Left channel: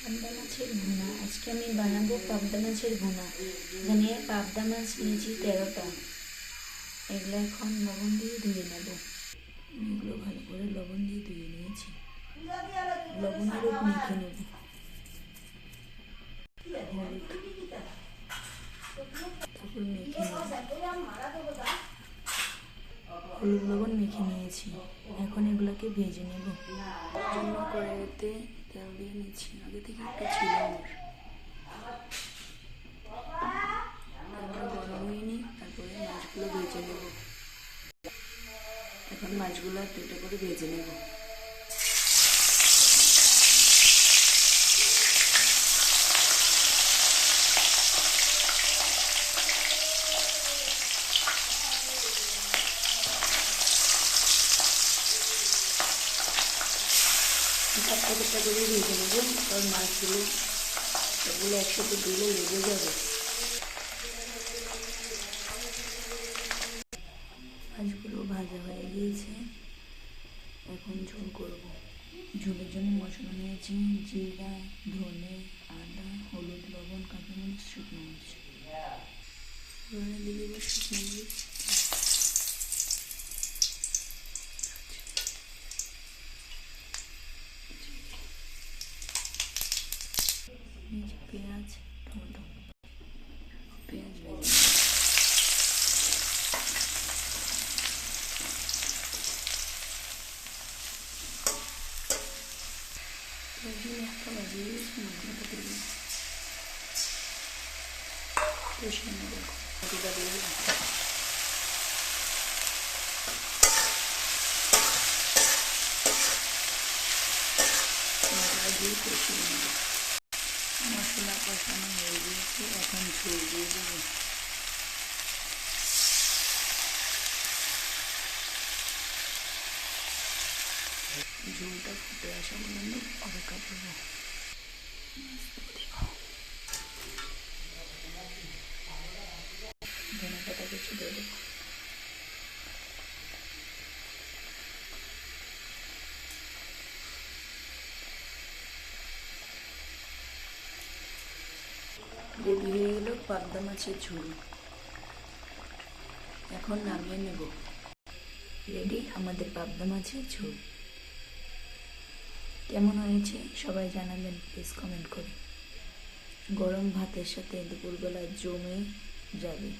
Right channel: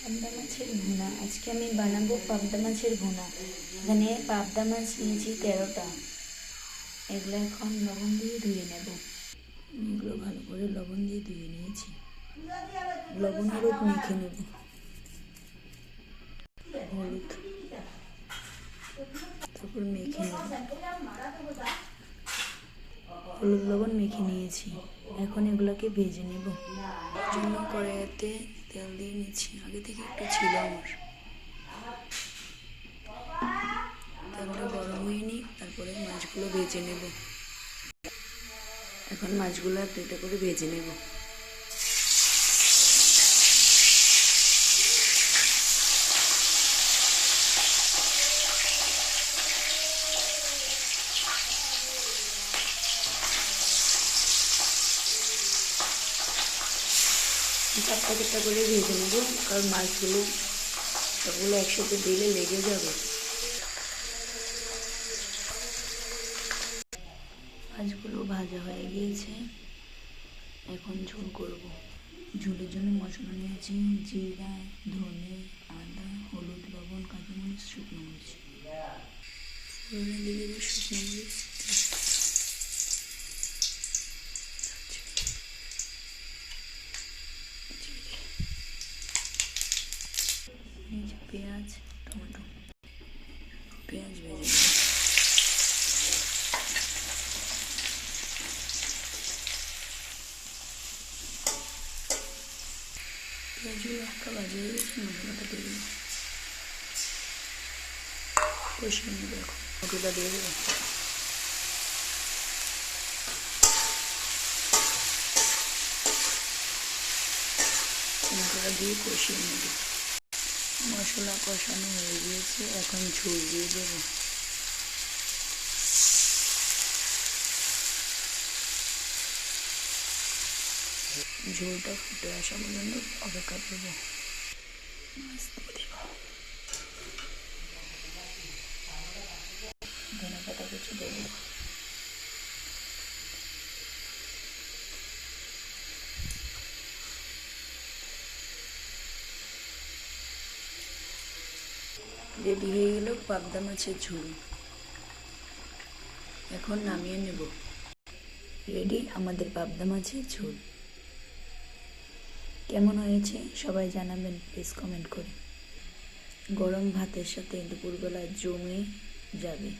পাবদা মাছের ভুনা। আজকে আমি বানাবো পাবদা মাছের ভুনা। এখানে পাবদা মাছ নিয়েছি 13টা। এগুলো এখন লবণ দিয়ে ধুয়ে নেব। এগুলো ভালো করে লবণ দিয়ে ধুয়ে নিয়েছি। লবণ হলুদ মেখে নেব। হলুদ তারপর মেখে নেব। হলুদ লবণ মেখে নিয়েছি। এখন এগুলোকে ভেজে নেব। জন্য কড়াইতে তেল দিয়ে নিচ্ছি। আগে থেকে একটু ছিল আমার। তেলটা গরম হয়ে নিই, তারপরে মাছগুলো ভেজে নেব। এখন মাছগুলো দুটো করে ভেজে নেব। চারটা করে ভেজে নেব, কারণ মাছগুলো সবগুলো একসাথে দিলে লেগে যাবে। মাছগুলো ভাজা হয়ে গিয়েছে। এখন ঝোল করব। ঝোলের জন্য মশলা নিয়েছি জিরা, ধনে, আদা, হলুদ, লবণ, কাঁচামরিচ, শুকনো মরিচ। ফোড়নে দিয়ে দেবো শুকনো মরিচ, নিচে পেঁয়াজ, টমেটো। পেঁয়াজ ভেজে নেব। পেঁয়াজগুলো হালকা ভাজিয়ে মশলাটা দিয়ে দেবো। কষিয়ে নেব। টমেটোটা দিয়ে দেবো। টমেটোটা দিয়ে কষিয়ে নেব। মশলা কষানো হয়ে গিয়েছে, এখন ঝোল দিয়ে দেবো। ঝোলটা ফুটে আসা পর্যন্ত অপেক্ষা করবো। মাছ দিয়ে দেব। ধনে পাতা কুচি দিয়ে দেবো। রেডি হয়ে গেল পাবদা মাছের ঝোল। এখন নামিয়ে নেব। রেডি আমাদের পাবদা মাছের ঝোল। কেমন হয়েছে সবাই জানাবেন প্লিজ কমেন্ট করে। গরম ভাতের সাথে দুপুরবেলা জমে যাবে।